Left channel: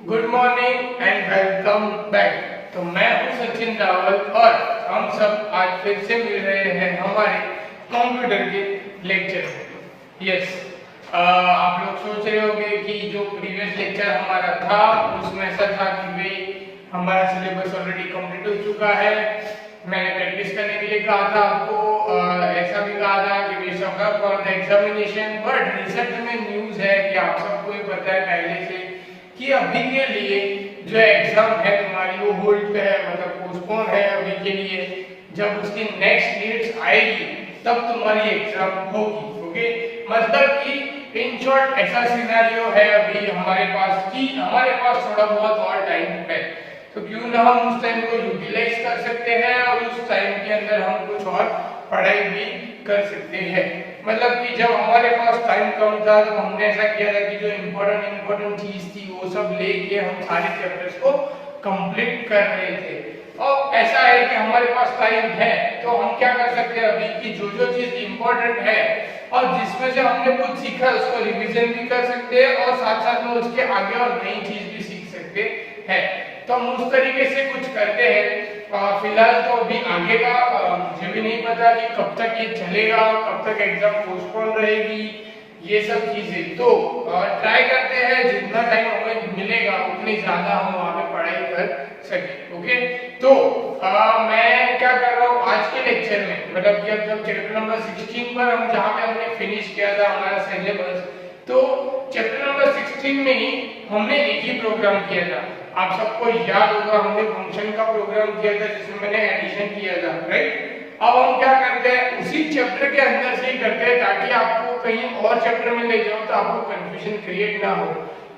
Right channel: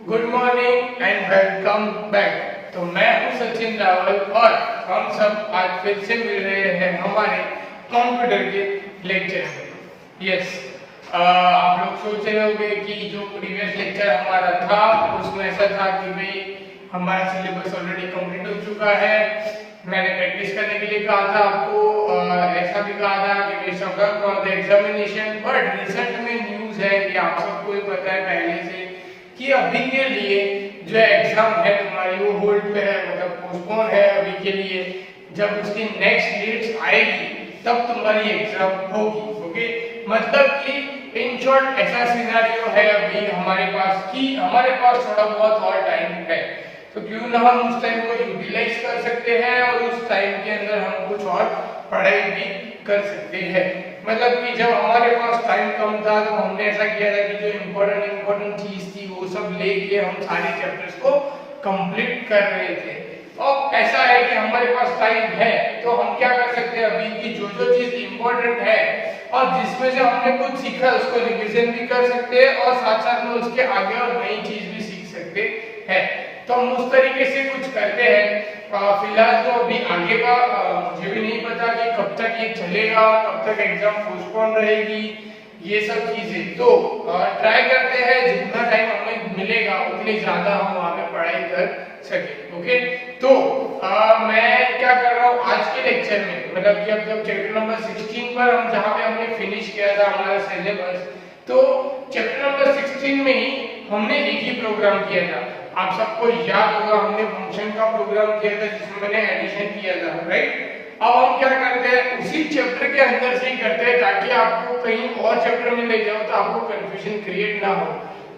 Good morning and welcome back. तो मैं हूं सचिन रावल और हम सब आज फिर से मिल रहे हैं हमारे कंप्यूटर के लेक्चर में। यस, आप लोग सोच रहे होंगे कि जो प्रीवियस लेक्चर हमारा था उसमें ऐसा था कि भाई हमारा सिलेबस ऑलरेडी कंप्लीट हो चुका है। मैंने प्रैक्टिस करने के लिए कहा था आपको, ऐसा भी कहा था कि वे suffer for the examination. But recent में न्यूज़ है कि आप सबको ही पता है पहले से कि अभी के लिए जो एग्जाम है तुम्हारी वो होल्ड पे है, मतलब पोस्टपोन है अभी के लिए। जब उसकी नेक्स्ट डेट्स आएगी तब तुम्हारी एग्जाम होगी। ओके, मतलब कि इन शॉर्ट ऐसा सिनेरियो है अभी हमारे पास कि हमारे पास थोड़ा बहुत और टाइम है, तो क्यों ना हम उस टाइम को यूटिलाइज कर सकते हैं और उस टाइम के अंदर हम कुछ और पढ़ाई भी कर सकते हैं। मतलब कि जब हमारे पास टाइम कम था तो हमने ऐसा किया था कि जो इम्पोर्टेंट चीज थी वो सब लेके हम सारे चैप्टर्स को कंप्लीट कर रहे थे। और ऐसा है कि हमारे पास टाइम है तो हम क्या कर सकते हैं अभी की जो जो चीज इम्पोर्टेंट है और जिसमें से हमने कुछ सीखा उसको रिवीजन भी कर सकते हैं और साथ साथ में उसके आगे और नई चीज भी सीख सकते हैं। तो हम उस तरीके से कुछ करते हैं। फिलहाल तो अभी आगे का मुझे भी नहीं पता कि कब तक ये चलेगा, कब तक एग्जाम पोस्टपोन रहेगी, ये सब चीजें। तो ट्राई करते हैं जितना टाइम हमें मिलेगा उतनी ज्यादा हम वहाँ पे पढ़ाई कर सके। ओके, तो मैं क्या कर रहा हूँ आज के लेक्चर में, मतलब कि अब जब चैप्टर नंबर 16 पर हम जहाँ पे हमने फिनिश किया था हमारा सिलेबस, तो चैप्टर नंबर 16 में ही हमने एक ही प्रोग्राम किया था। आप सबको याद होगा हमने फंक्शन का प्रोग्राम किया था जिसमें मैंने एडिशन किया था, राइट। अब हम क्या करते हैं उसी चैप्टर के अंदर से ही करते हैं ताकि आपको कहीं और चैप्टर में ले जाओ तो आपको कंफ्यूजन क्रिएट ना हो।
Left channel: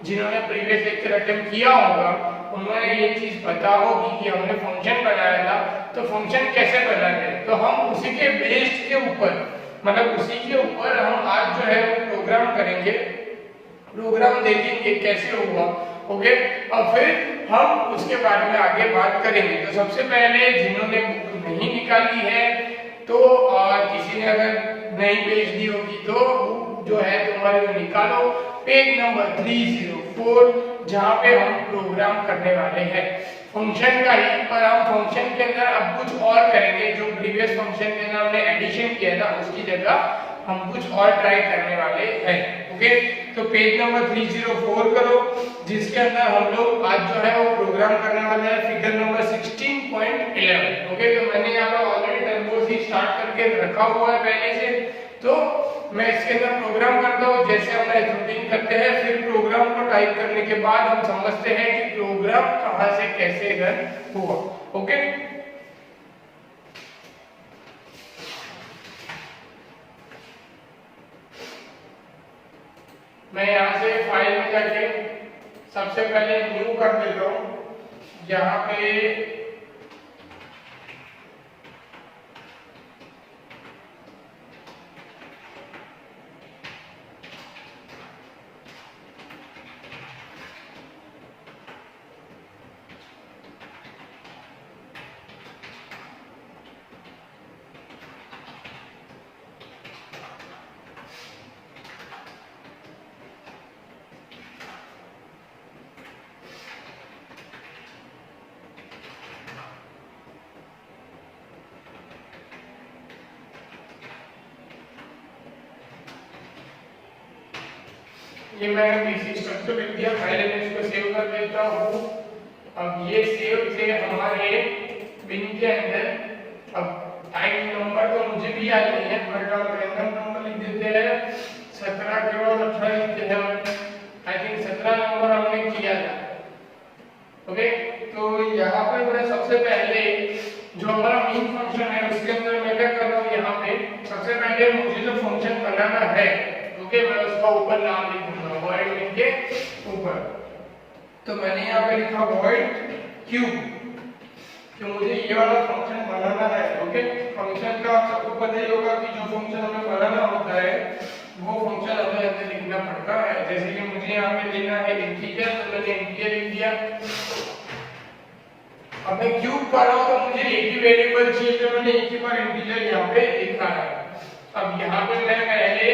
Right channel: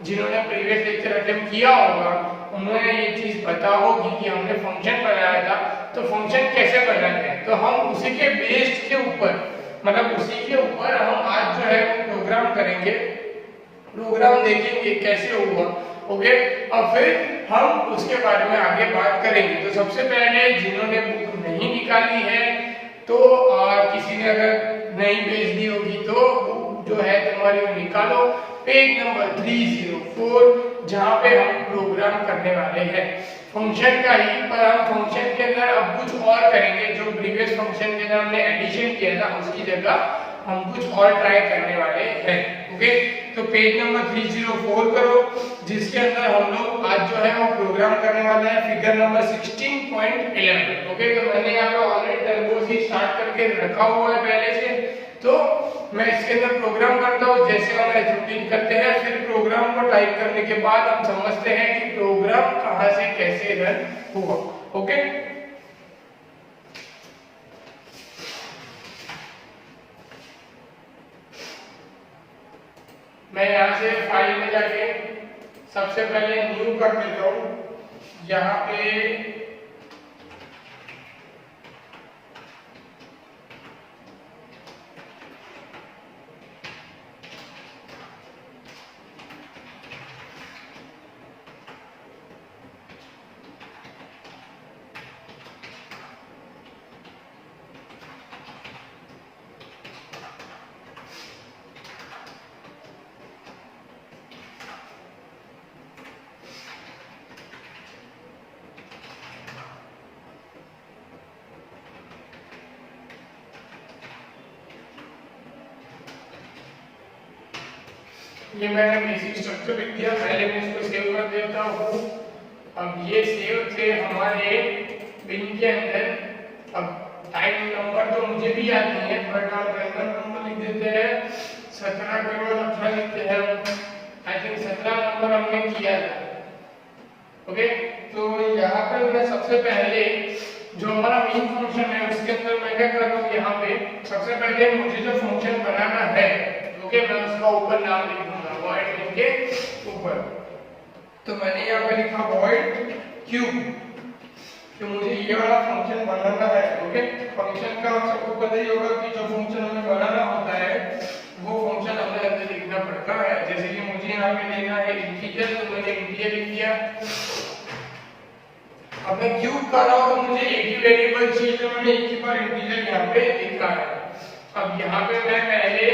जिन्होंने प्रीवियस लेक्चर अटेम्प्ट किया होगा उन्होंने ये चीज पता होगी कि हमने फंक्शन बनाया था, तो फंक्शन कैसे बनाते हैं तो हम उसी के बेस्ड के ऊपर, मतलब उसी के ऊपर हम आज जो है वो प्रोग्राम करेंगे, प्रोग्राम देखेंगे कैसे हुआ। ओके, और फिर हम उसके बारे में आगे बात करेंगे। तो सबसे पहले जिन्होंने बुक नहीं निकाली है तो किसी ने अगर नहीं भेज दी होगी तो बुक जो है तुम्हारी वो निकालो, पेज नंबर 304 जहाँ पे हम प्रोग्राम करने वाले हैं फंक्शन का ही। पर हम फंक्शन के अंदर अब कुछ और करेंगे, जो प्रीवियस फंक्शन के अंदर हमने एडिशन किया था उसकी जगह हम कुछ और ट्राई करने वाले हैं। ओके, तो पेज नंबर 304 करो जिसके अंदर हम लोग आज जो है वो प्रोग्राम करने वाले हैं फिगर नंबर 16.11। ओके, तो मैंने यहाँ पे ऑलरेडी टर्बो से स्टार्ट करके रखा हुआ है पहले से, तो मैं इसके अंदर प्रोग्राम करता हूँ जैसे हम रूटीन करते हैं। फिर प्रोग्राम को टाइप करने के बाद हम समझते हैं कि प्रोग्राम कहाँ से कैसे रन हुआ। ओके, मैं यहाँ से फाइल में जाके सबसे पहले न्यू कर देता हूँ। यहाँ पे ये मैंने बेसिक स्ट्रक्चर लिख दिया, पहले मैं इसको सेव कर देता हूँ। अब ये सेव थे हमारे बिन के अंदर। अब टाइम नंबर तो मुझे भी याद नहीं है बट और रैंडम नंबर लिख देते हैं 17 के बाद 18 लिखते हैं। आई थिंक 17 नंबर हमने किया था। ओके, तो यहाँ पे मैं सबसे पहले जो हमारा मेन फंक्शन है उसके अंदर मैं क्या कर रहा हूँ, यहाँ पे सबसे पहले मुझे जो फंक्शन बनाना है ओके मैं उसका ऊपर नाम लिख दूंगा void के ऊपर। तो मैंने यहाँ पे लिखा void क्यूब, तो मुझे ये वाला फंक्शन बनाना है। ओके, फंक्शन का आपको पता ही होगा कि जो फंक्शन हमें बनाना होता है वो फंक्शन हमें अंदर लिखना पड़ता है। जैसे कि मुझे यहाँ पे लेना है इंटीजर, तो मैंने इंटीजर लिख दिया। अब मैं क्यूब कर रहा हूँ तो मुझे एक ही वेरिएबल चाहिए, तो मैंने एक ही बार इंटीजर यहाँ पे लिखा है। अब यहाँ पे मैं पहले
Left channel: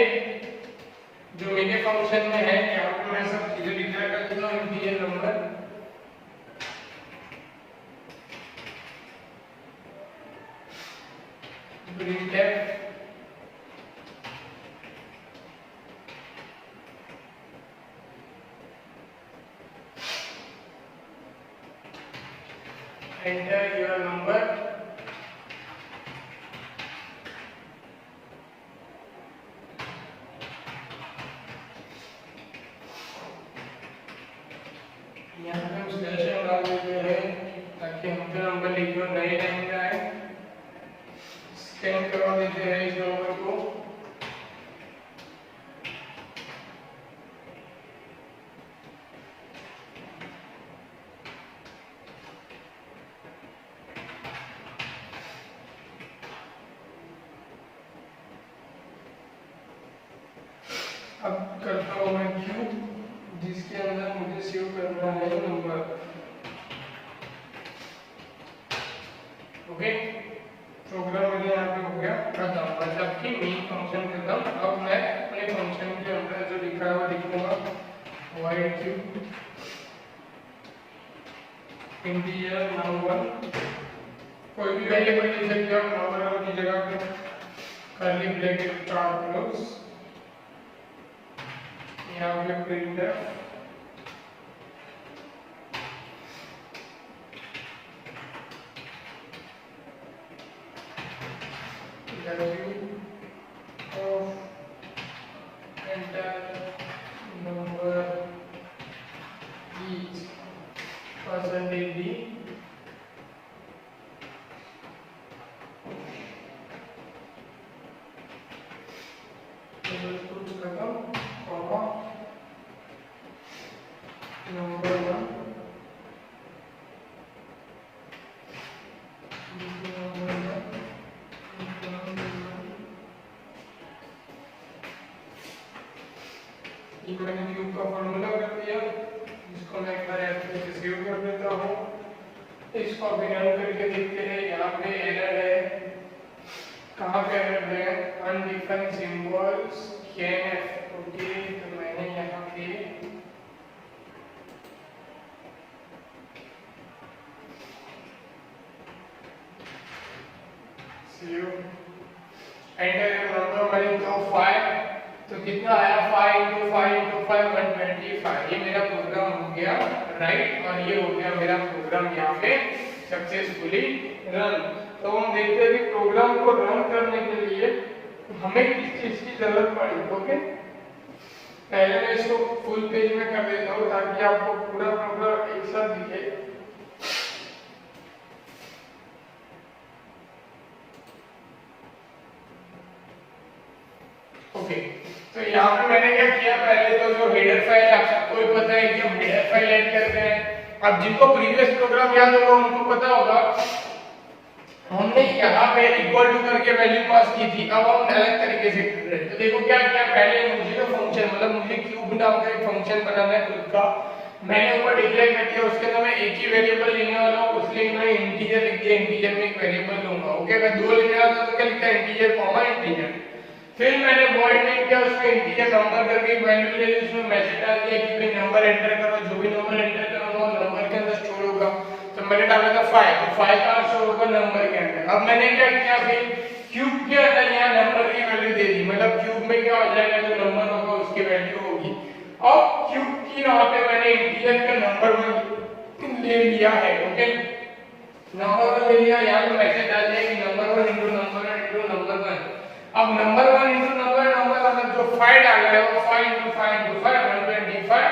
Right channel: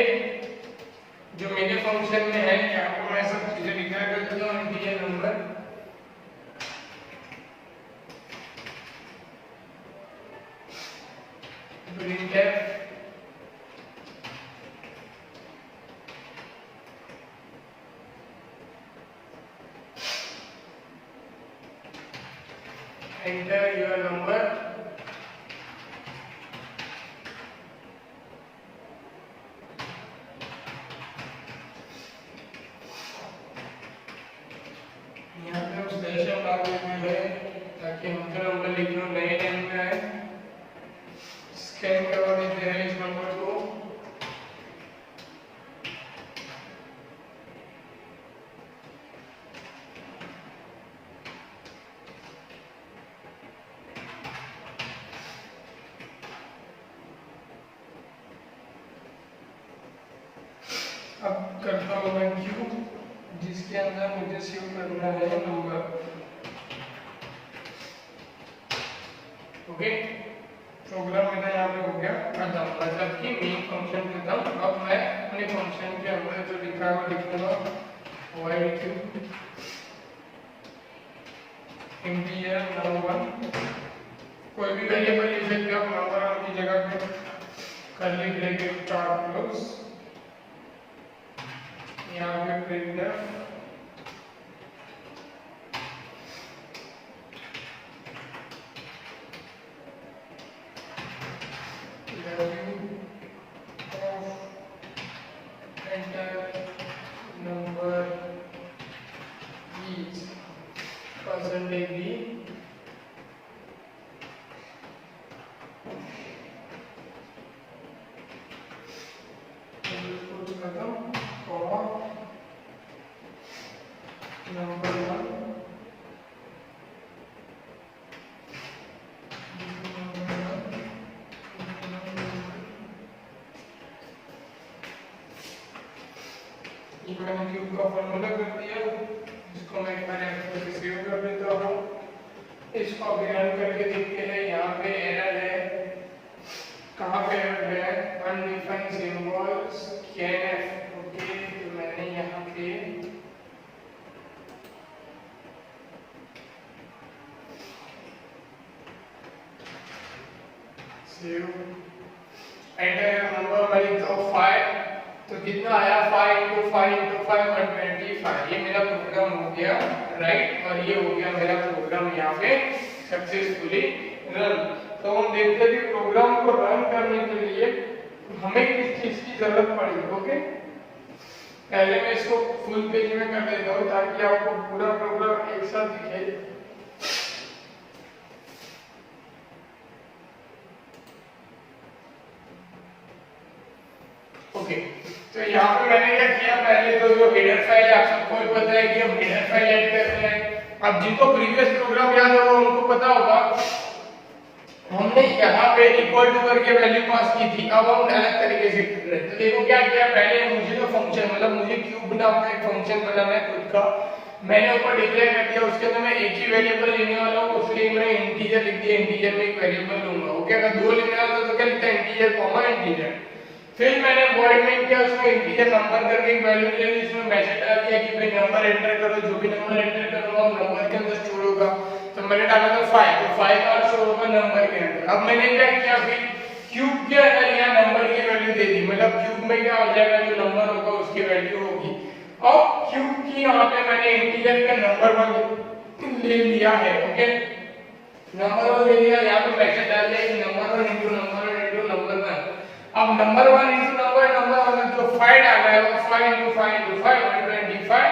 जो मेरे फंक्शन में है यहाँ पे मैं सब चीजें लिखा करता हूँ integer number printf enter your number, यहाँ पे हम स्लैश लगा देते हैं ताकि हमको नंबर लिखना नए टाइम में आए। स्कैन करवा देते हैं इस नंबर को, अब करता हूँ मैं क्यू जिसके अंदर मुझे सेव करना है नंबर। ओके, प्रोग्राम मेरा यहाँ पे हो गया खत्म, मतलब कि मेन फंक्शन खत्म। अब मैं अपने फंक्शन के अंदर जो लिखा है वो लिखूंगा void क्यू इंटीजर नंबर, कोई भी वेरिएबल लिख सकते हो नंबर की जगह पे, कर्ली ब्रैकेट स्टार्ट क्लोज, यहाँ पे printer value of enter number is percentage d, number one मैंने क्यूब का फॉर्मूला कर दिया, इसको मैं एक बार ऐसे सेव कर देता हूँ। इसको अभी रन करके देखते हैं। यहाँ पे एरर है, कहाँ पे एरर है? अनडिफाइंड सिंबल्स कैन, ओके, तो मैंने यहाँ पे सेव एंटर नंबर हमारी तो 5, तो कितना आया 5 × 5 × 5 125। ये मेरा प्रोग्राम हो गया राइट, और ये हो गया मेरा प्रोग्राम यहाँ पे सक्सेसफुली रन। तो हम देखते हैं कि प्रोग्राम को रन करने के लिए हमें किस चीज की जरूरत पड़ेगी। ओके, पहले मैं इसको फुल पेज में कर देता हूँ ताकि आपको पूरा प्रोग्राम एक साथ दिखे। ओके, तो यहाँ पे मैंने क्या किया, पहले तो जो हेडर फाइल आप सबको पता है कि हम हेडर फाइल ऐड करते हैं। अब जिनको प्रीवियस प्रोग्राम याद होगा उनको पता होगा हमने यहाँ पे इक्वल टू करके वैल्यू पास की थी। अब हम अलग तरीके से कर रहे हैं। तो देखो क्या किया, पहले मुझे जो फंक्शन, मतलब मुझे क्यूब नाम का एक फंक्शन बनाना है खुद का, मैंने ऊपर डिक्लेयर कर दिया। उसके अंदर मैं एक ही वेरिएबल लेने वाला हूँ, उसलिए मैं इंटीजर लिख दिया, इंटीजर में एक वेरिएबल लूंगा। ओके, अगर दो लेने वाला तो क्या लिखता है, इंटीजर कॉमा इंटीजर। फिर मैंने वॉइड में किया, उसमें इंटीजर नंबर करके एक वैल्यू ले ली, उसमें मैसेज डाल दिया कि भाई नंबर एंटर करो, जो भी नंबर एंटर करूंगा वो नंबर के अंदर स्टोर होगा। तो मैंने डाला था 5, तो 5 का स्टोर होगा नंबर के अंदर। अब मैंने क्या किया, फिर क्यूब के अंदर यहाँ नंबर की वैल्यू दे दी, मतलब क्यूब में क्या हो जाएगा, जो नंबर होगा उसकी वैल्यू होगी। अब क्यूब की यहाँ पे मैंने इंटीजर का नंबर 1 ले लिया है। ओके, नंबर 1 ले लिया, यहाँ पे मैसेज डाल दिया कि नंबर 1 × नंबर 1 × नंबर 1। अब नंबर 1 × नंबर मतलब जो 5 डाल रहा है वो 5 × 5 × 5 125,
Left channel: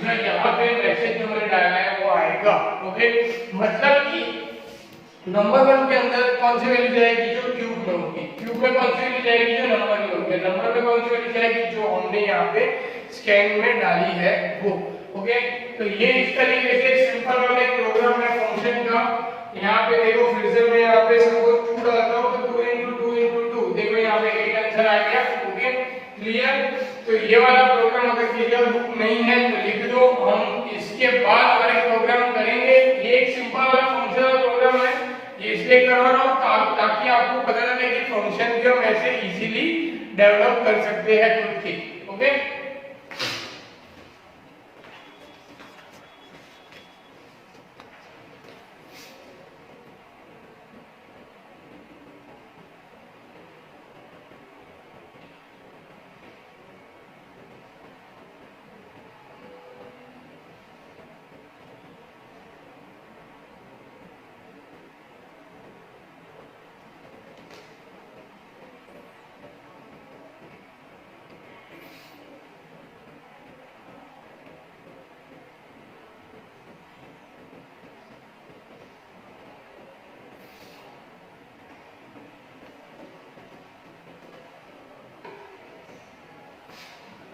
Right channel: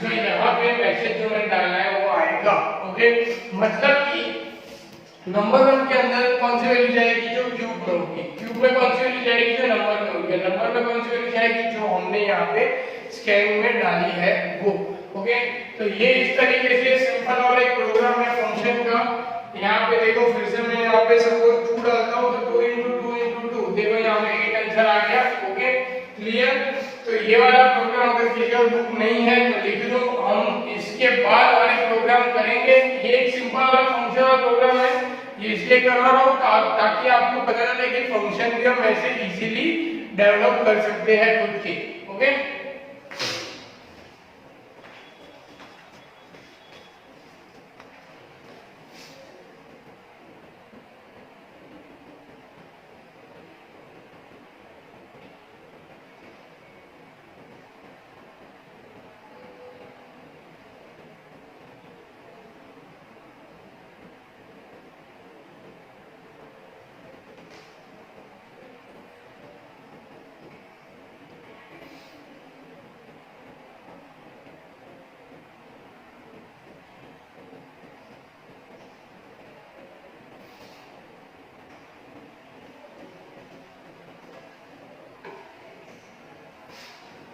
जो यहाँ पे मैसेज जो मैंने डाला है वो आएगा। ओके, मतलब कि नंबर 1 के अंदर कौन सी वैल्यू जाएगी, जो क्यूब में होगी, क्यूब में कौन सी वैल्यू जाएगी, जो नंबर में होगी, नंबर में कौन सी वैल्यू जाएगी, जो हमने यहाँ पे स्कैन में डाली है वो। ओके, तो ये इस तरीके से सिंपल वाला एक प्रोग्राम है फंक्शन का। यहाँ पे देखो फिर से मैं यहाँ पे सपोज 2 डालता हूँ, तो 2 × 2 × 2, देखो यहाँ पे 8 आंसर आ गया। Okay, clear. तो ये वाला प्रोग्राम अगर क्लियर बुक नहीं है तो लिख दो, हम इसके बाद वाले प्रोग्राम करेंगे। ये एक सिंपल वाला फंक्शन वाला प्रोग्राम है, ये इसलिए करवा रहा हूँ ताकि आपको पता चले कि फंक्शन को हम ऐसे इजीली डेवलप कर सकते हैं खुद के। ओके,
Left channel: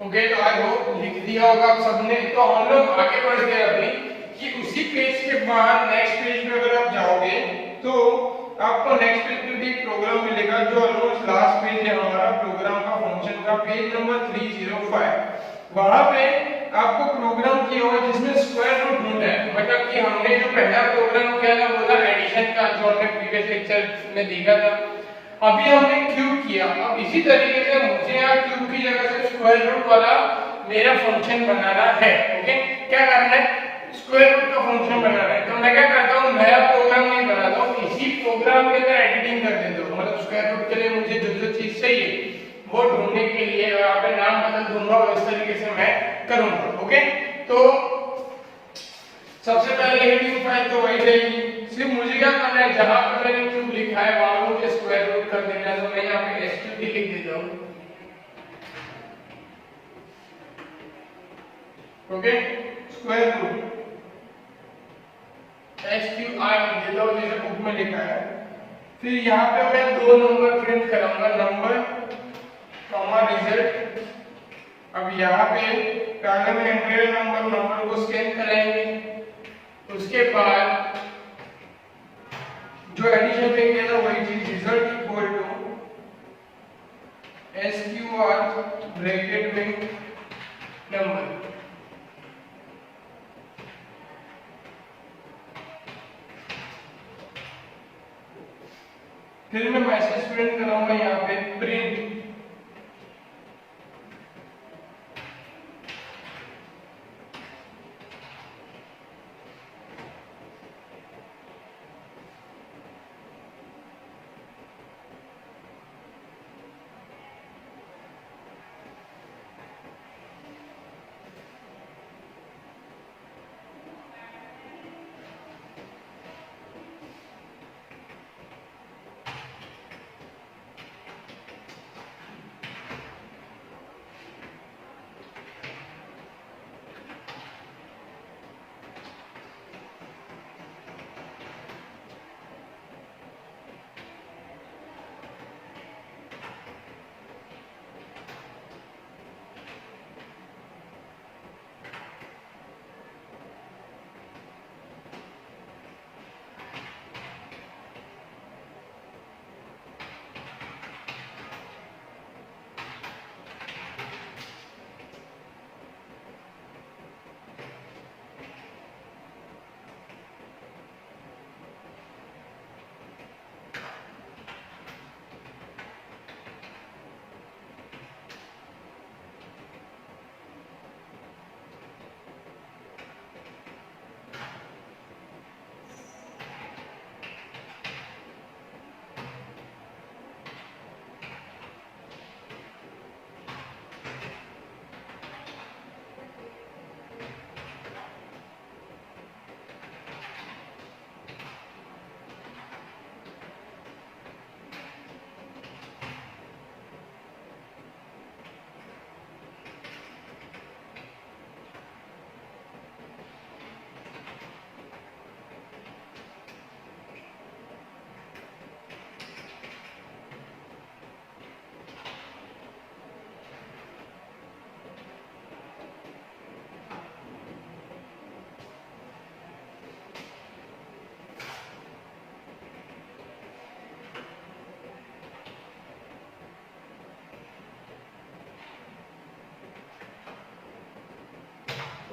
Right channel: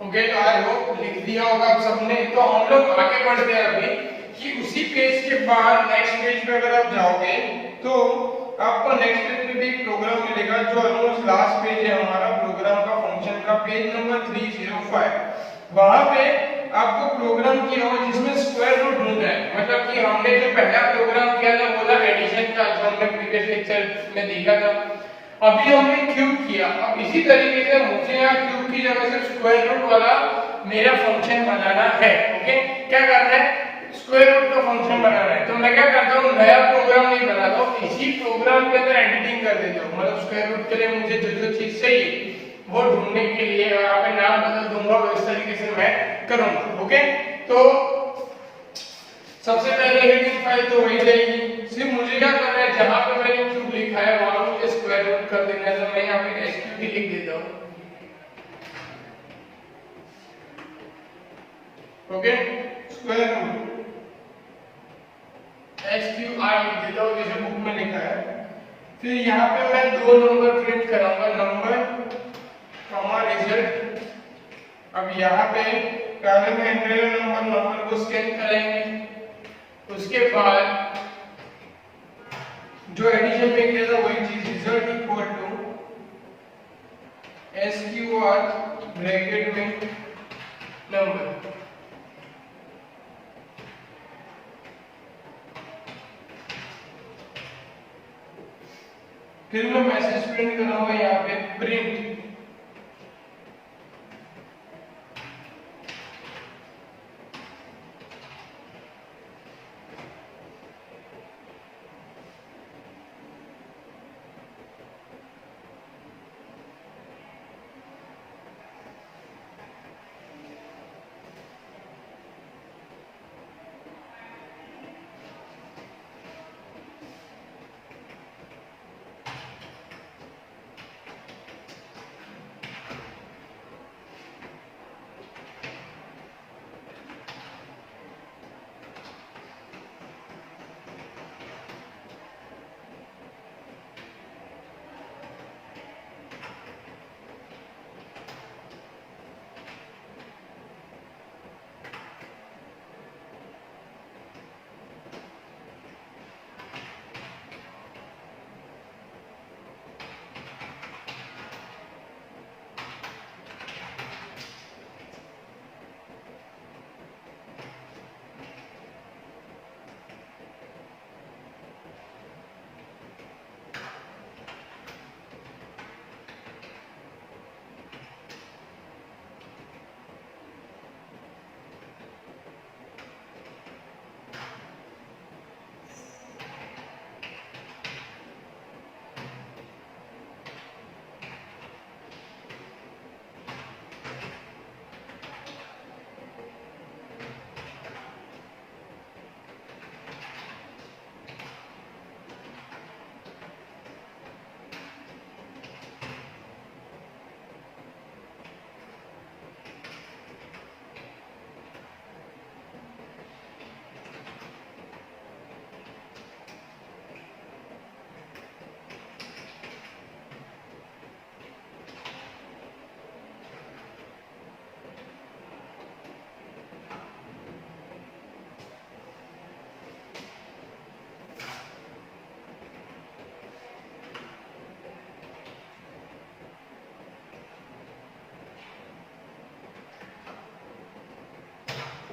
ओके, तो आई होप लिख दिया होगा आप सबने। तो हम लोग आगे बढ़ते हैं अभी कि उसी पेज के बाद नेक्स्ट पेज पे अगर आप जाओगे तो आपको नेक्स्ट पेज पे भी प्रोग्राम मिलेगा जो ऑलमोस्ट लास्ट पेज है हमारा प्रोग्राम का फंक्शन का, पेज नंबर 305। वहां पे आपको प्रोग्राम किया होगा जिसमें स्क्वायर रूट ढूंढना है। मतलब कि हमने जो पहला प्रोग्राम किया था वो था एडिशन का, जो हमने प्रीवियस लेक्चर में देखा था। अभी हमने क्यूब किया। अब इसी तरीके से मुझे यहाँ क्यूब की जगह से स्क्वायर रूट वाला मेरा फंक्शन बनाना है। ओके, क्या करना है, स्क्वायर रूट का फंक्शन बनाना है। तो मैं क्या करता हूँ, नया प्रोग्राम नहीं बनाता हूँ, इसी प्रोग्राम के अंदर एडिटिंग कर देता हूँ। मतलब स्क्वायर रूट के लिए मुझे जो जो चीज चाहिए वो ढूंढने के लिए यहाँ पे नाम बदल दूंगा, इस तरीके से मैं करूंगा। ओके, तो सबसे पहले हेडिंग फाइल तो वही रहेगी। सिर्फ मुझे क्या करना है, जहां पे मैंने क्यूब लिखा है वहां मुझे स्क्वायर रूट कर देना है। तो मैं यहाँ पे एसक्यूटी लिख देता हूँ। ओके, स्क्वायर रूट एसक्यूआई लिख देता हूँ जैसे बुक में लिखा है। फिर यहाँ पे मैं दो नंबर प्रिंट कराऊंगा, नंबर कॉमा रिजल्ट। अब यहाँ पे पहले में एंटर नंबर को स्कैन करेंगे। उसके बाद जो एडिशन में किया था वही चीज, result equal to SQR bracket में नंबर। फिर मैं मैसेज प्रिंट करूंगा यहाँ पे, प्रिंट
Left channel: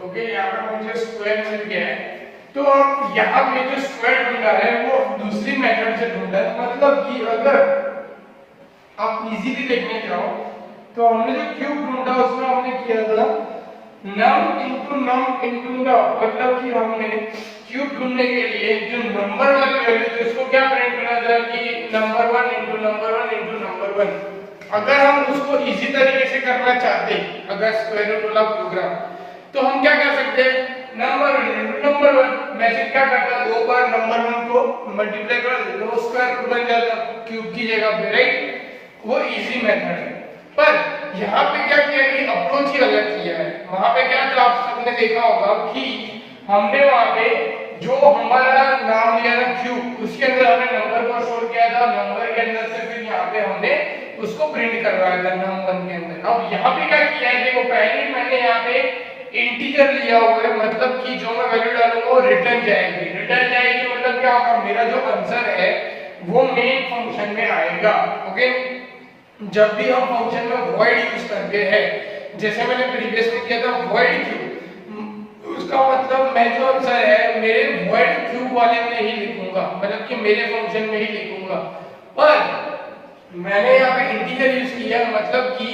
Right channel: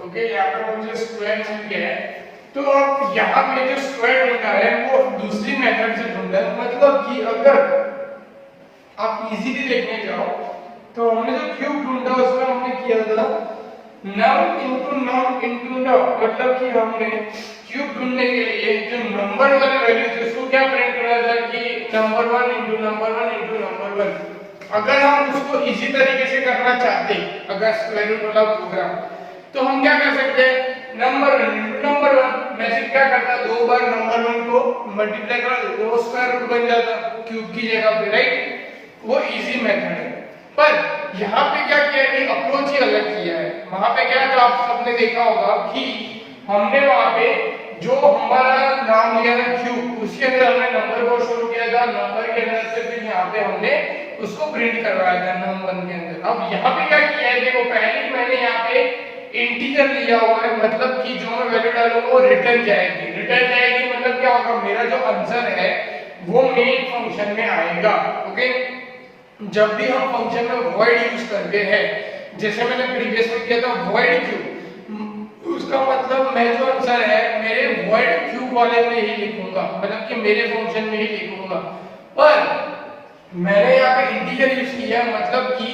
ओके, यहाँ पे मुझे स्क्वायर मिल गया है। तो अब यहाँ पे जो स्क्वायर ढूंढा है वो दूसरी मेथड से ढूंढा है। मतलब कि अगर आप इजीली देखने जाओ तो हमने जो क्यूब ढूंढा उसमें हमने किया था नम इनटू न। मतलब कि हमने क्यूब ढूंढने के लिए जो नंबर वाली वैल्यू थी उसको क्या प्रिंट करना था कि number 1 into number 1 into number 1। अगर हम उसको इजी तरीके से करना चाहते, अगर स्क्वायर रूट वाला प्रोग्राम, तो हम क्या कर सकते हैं, नंबर 1 इनटू नंबर 1। मैं सिर्फ क्या करता, दो बार नंबर 1 को मल्टीप्लाई कर देता, वो स्क्वायर रूट बन जाता क्यूब की जगह पे, राइट। वो इजी मेथड है। पर यहाँ पे क्या किया है, अप्रोच ही अलग किया है। वहां पे क्या था, आप सबने देखा होगा कि हमने वहां पे जो हमारा नाम लिया था क्यूब, उसके अंदर हमने नंबर को स्टोर किया था, नंबर के अंदर से फिर यहाँ पे हमने उसको प्रिंट करवाया था नंबर 1 के अंदर। अब यहाँ पे क्या किया है, देखो पहले मैंने यहाँ पे इंटीजर लिया हुआ है, मतलब कि जो मैं वैल्यू डालूंगा वो रिटर्न जाएगी। रिटर्न जाएगी मतलब क्या होगा, मेरा जो आंसर है वो मेन फंक्शन में आएगा। ओके, जब भी हम फंक्शन में void यूज करते हैं, जैसे मैंने प्रीवियस में किया था void क्यू, उसका मतलब मैं जो आंसर है मेरे void क्यू वाले में ही लिखूंगा, मतलब कि मेरे फंक्शन में ही लिखूंगा। पर मैंने यहाँ पे इंटीजर यूज किया, मतलब कि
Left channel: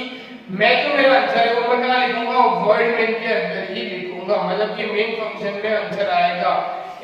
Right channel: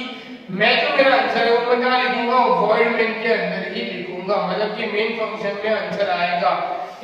मैं जो मेरा आंसर है वो मैं क्या लिखूंगा, void मेन के अंदर ही लिखूंगा, मतलब कि मेन फंक्शन में आंसर आएगा।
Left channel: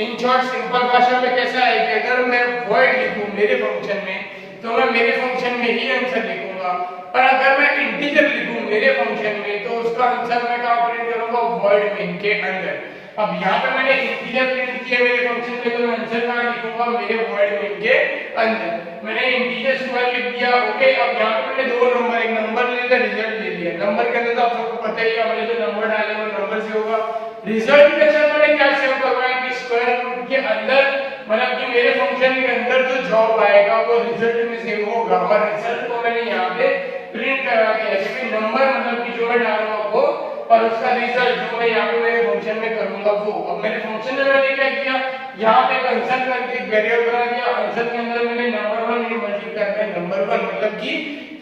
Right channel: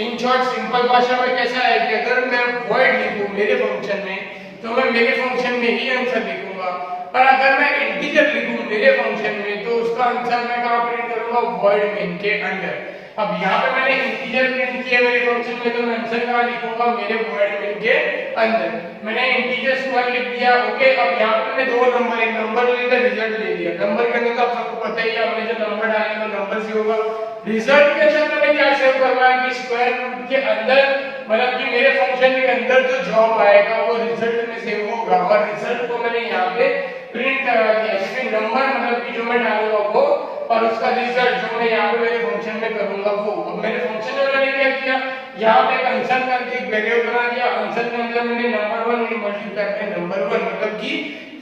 इन शॉर्ट सिंपल भाषा में कैसा है कि अगर मैं void लिखूं मेरे फंक्शन में तो मैं मेरे फंक्शन में ही आंसर लिखूंगा, पर अगर मैं इंटीजर लिखूं मेरे फंक्शन में तो उसका आंसर मैं कहां प्रिंट करूंगा, void मेन के अंदर। अब यहाँ पे मैंने इंटीजर प्रिंट किया मेरे फंक्शन में, तो मैं आंसर कहां लिखूंगा, मेरे void मेन के अंदर। मैंने इंटीजर स्क्वायर लिख दिया। ओके, अब यहाँ पे मैंने दो नंबर, एक नंबर ले लिया, रिजल्ट ले लिया। नंबर के अंदर तो आप सबको पता ही है, हमने जो नंबर डाले वो नंबर से होगा। रिजल्ट के अंदर मैंने क्या सेव करवाया कि स्क्वायर रूट के अंदर, मतलब कि मेरे फंक्शन के अंदर जो जवाब आएगा वो रिजल्ट में सेव होगा, और रिजल्ट को मैंने यहाँ पे प्रिंट करवा दिया, इसमें नंबर मतलब कि जो मैं डालूंगा वो, और उसका रिजल्ट जो मैं यहाँ पे मेरे फंक्शन में करूंगा वो। अब मेरे फंक्शन में मैंने क्या किया, यहाँ पे आंसर का एक वेरिएबल बना दिया, आंसर के अंदर मैंने नंबर 1 मल्टीप्लाई करके नंबर 1 मतलब कि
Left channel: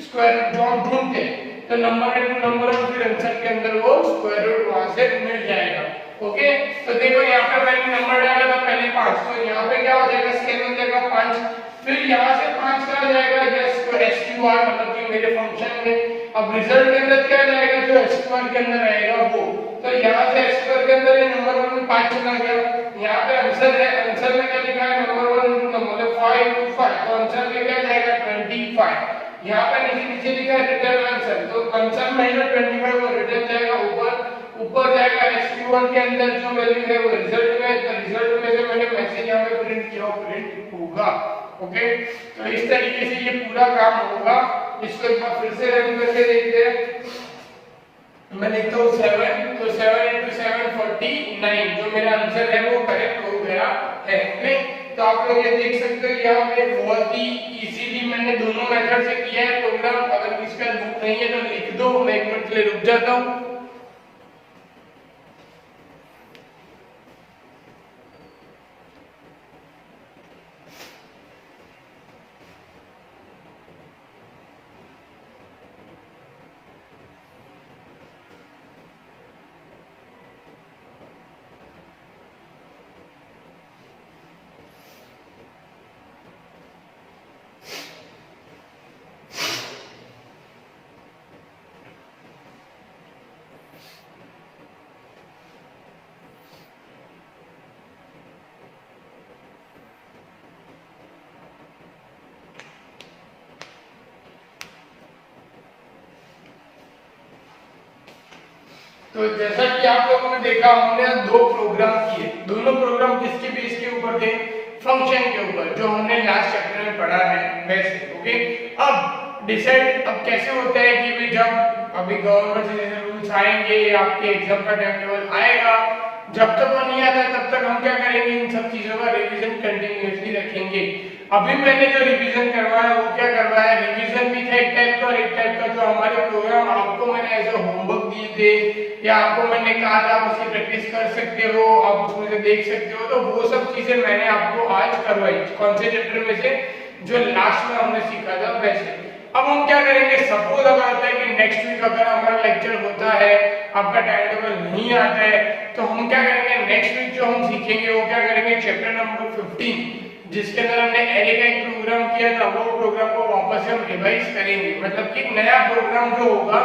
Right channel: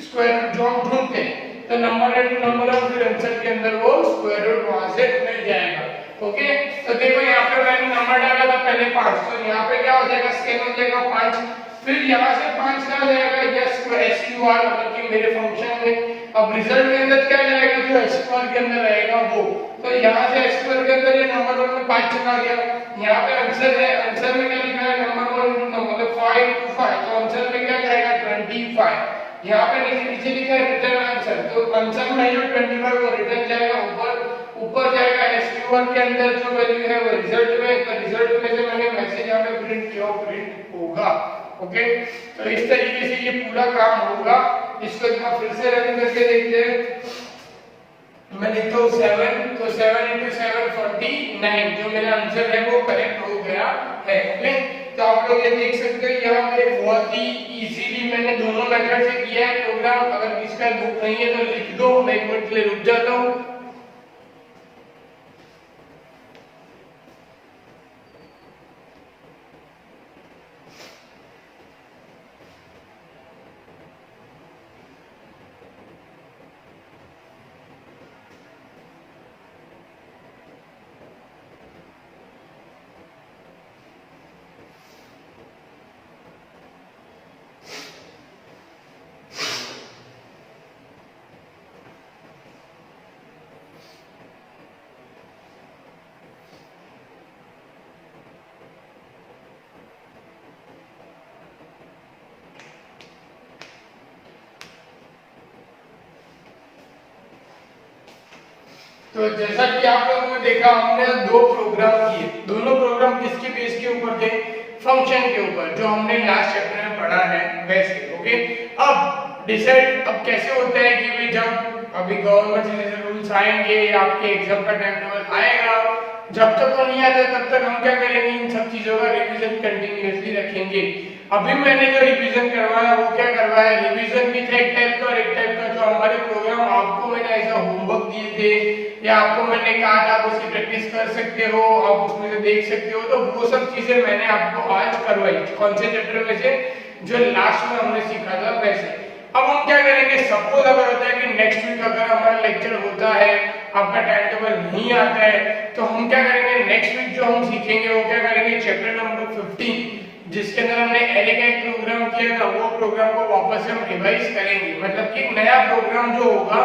स्क्वायर रूट जो हम ढूंढते हैं, तो नंबर है टू नंबर 1, फिर आंसर के अंदर वो स्क्वायर रूट वहां से मिल जाएगा। ओके, तो देखो यहाँ पे मैंने नंबर डाला था पहले 5, तो यहाँ पे क्या हो जाएगा, स्केल हो जाएगा 5, फिर यहाँ से 5 क्या हो जाएगा, SQR मतलब कि मेरे फंक्शन में। अब रिजल्ट के अंदर क्या जाएगा, जो SQR के अंदर आएगा वो, तो यहाँ से SQR के अंदर ये नंबर 1 में 5 चला गया। यहाँ पे आंसर है, आंसर में क्या लिखा है, नंबर 1 मतलब 5 into 5, तो आंसर में क्या जाएगा 25। यहाँ पे नीचे लिखा है रिटर्न आंसर, तो आंसर में जो 25 वो रिटर्न जाएगा ऊपर जाएगा। SQR के अंदर जो वैल्यू है वो रिजल्ट में, तो रिजल्ट में से मैंने मैसेज यहाँ पे प्रिंट किया, प्रिंट होगा। ओके, तो इस तरीके से ये पूरा काम होगा। इसको एक बार फिर से रन करके देखते हैं। मैं लिखता हूँ 7, तो 7 into 7 49, जो मेरा आंसर है वो करेक्ट हो गया है। ओके, तो आप लोग ये देख सकते हो यहाँ पे बहुत ही इजीली मैंने दोनों मेथड से किया है प्रोग्राम। अगर किसी का बुक नहीं है तो लिख दो, मैं 1 मिनट के लिए रुक जाता हूँ। तो जैसा कि आप लोगों ने देखा, हमने दो प्रोग्राम किए। दोनों प्रोग्राम किसके बेस के ऊपर थे, फंक्शन के ऊपर, जो हमने लास्ट चैप्टर में पढ़ा है वैसे। ओके, अब डिसाइड अब कैसे होता है कि भाई जब अभी गवर्नमेंट से जैसे रूल्स आएंगे, आपके एग्जाम का टाइम टेबल आएगा, जब तक वो नहीं आता तब तक हम क्या करेंगे, इन सब चीजों का रिवीजन कंटिन्यूअसली रखेंगे। अभी मैंने जो रिवीजन करवाया वो क्या करवाया, रिवीजन भी था एक टाइप का, और एक टाइप का जो हमारे प्रोग्राम आपको मैंने एज अ होमवर्क दिए थे, या आपको मैंने कहा था आप उसकी प्रैक्टिस कर सकते हो, आप उसमें से देख सकते हो, तो वो सब चीजें मैंने आपको आज करवाई। कौन से चैप्टर में से, जो लास्ट में हमने सीखा था वैसे। अब हम क्या करेंगे, सपोज अगर होता है कि नेक्स्ट वीक अगर हमारा लेक्चर होता है, आपका टाइम टेबल नहीं आता है, तो हम क्या करेंगे, नेक्स्ट वीक जो हम सीखेंगे वो क्या करेंगे, चैप्टर नंबर 15 जिसके अंदर हमने एरे का एक प्रोग्राम किया था, वो प्रोग्राम को वापस हम रिवाइज करेंगे। मतलब कि नया प्रोग्राम जो होगा,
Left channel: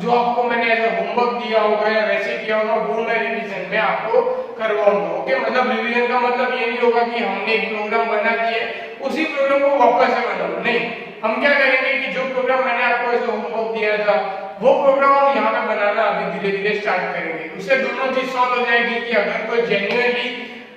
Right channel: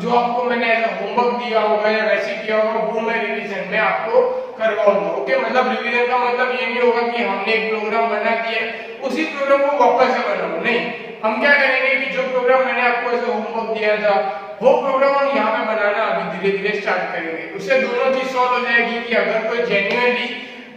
जो आपको मैंने एज होमवर्क दिया होगा या वैसे किया होगा, वो मैं रिवीजन में आपको करवाऊंगा। ओके, मतलब रिवीजन का मतलब ये नहीं होगा कि हमने एक प्रोग्राम बना दिया उसी प्रोग्राम को वापस से बनाऊं, नहीं। हम क्या करेंगे कि जो प्रोग्राम मैंने आपको ऐसे होमवर्क दिया था वो प्रोग्राम हम यहाँ पे बनाना अभी धीरे धीरे स्टार्ट करेंगे। उससे दोनों चीज सॉल्व हो जाएगी कि अगर कोई जेन्युइनली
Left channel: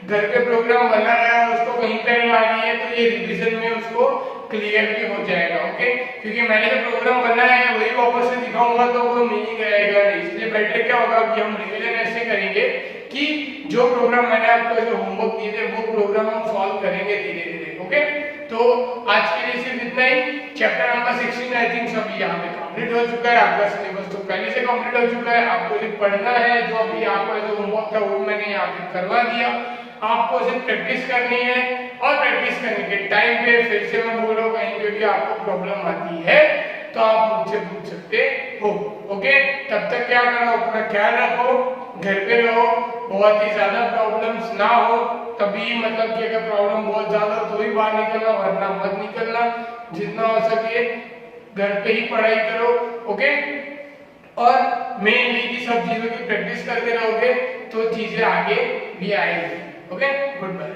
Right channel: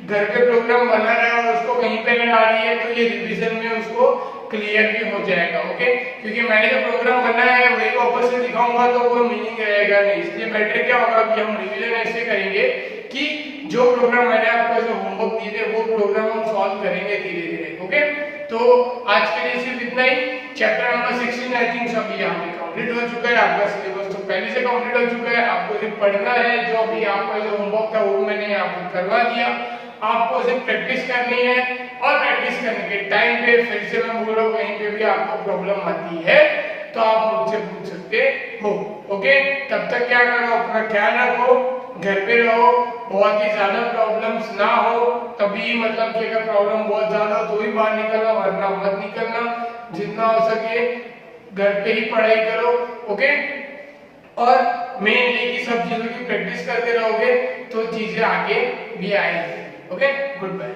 घर पे प्रोग्राम बना रहा है उसको कहीं पे नहीं आ रही है, तो ये रिवीजन में उसको क्लियर भी हो जाएगा। ओके, क्योंकि मैंने जो प्रोग्राम बनाया है वही वापस से दिखाऊंगा तो कोई मीनिंग रहेगा नहीं। इसलिए बेटर क्या होगा कि हम रिवीजन ऐसे करेंगे कि जो प्रोग्राम मैंने आपको जो होमवर्क दिए थे वो प्रोग्राम हम सॉल्व करेंगे धीरे धीरे। ओके, तो आज के लिए सिर्फ इतना ही। चैप्टर नंबर 16 आई थिंक सब यहाँ पे कंप्लीट हो चुका है, आपका सिलेबस तो पहले से कंप्लीट हो चुका है। आपको सिर्फ पढ़ना है, जो भी आपको जो होमवर्क था वो मैंने यहाँ पे करवा दिया। आपको सिर्फ प्रैक्टिस करनी है, और प्रैक्टिस करने के टाइम पे फिर से मैं बोल रहा हूँ, कहीं पे भी आपको प्रॉब्लम आती है तो आप मुझसे पूछ सकते हो। ओके, तब तक क्या करो, अपना ख्याल रखो, घर पे रहो, बहुत ही ज्यादा प्रॉब्लम्स ना हो, तभी मतलब कि अगर प्रॉब्लम बहुत ज्यादा हो तो ही बाहर निकलना, वरना मत निकलना। जितना हो सके घर पे ही पढ़ाई करो। ओके, और मेनली की सब चीजों की प्रैक्टिस करते रहोगे तो चीजें आगे भी आएंगी। Okay, good bye.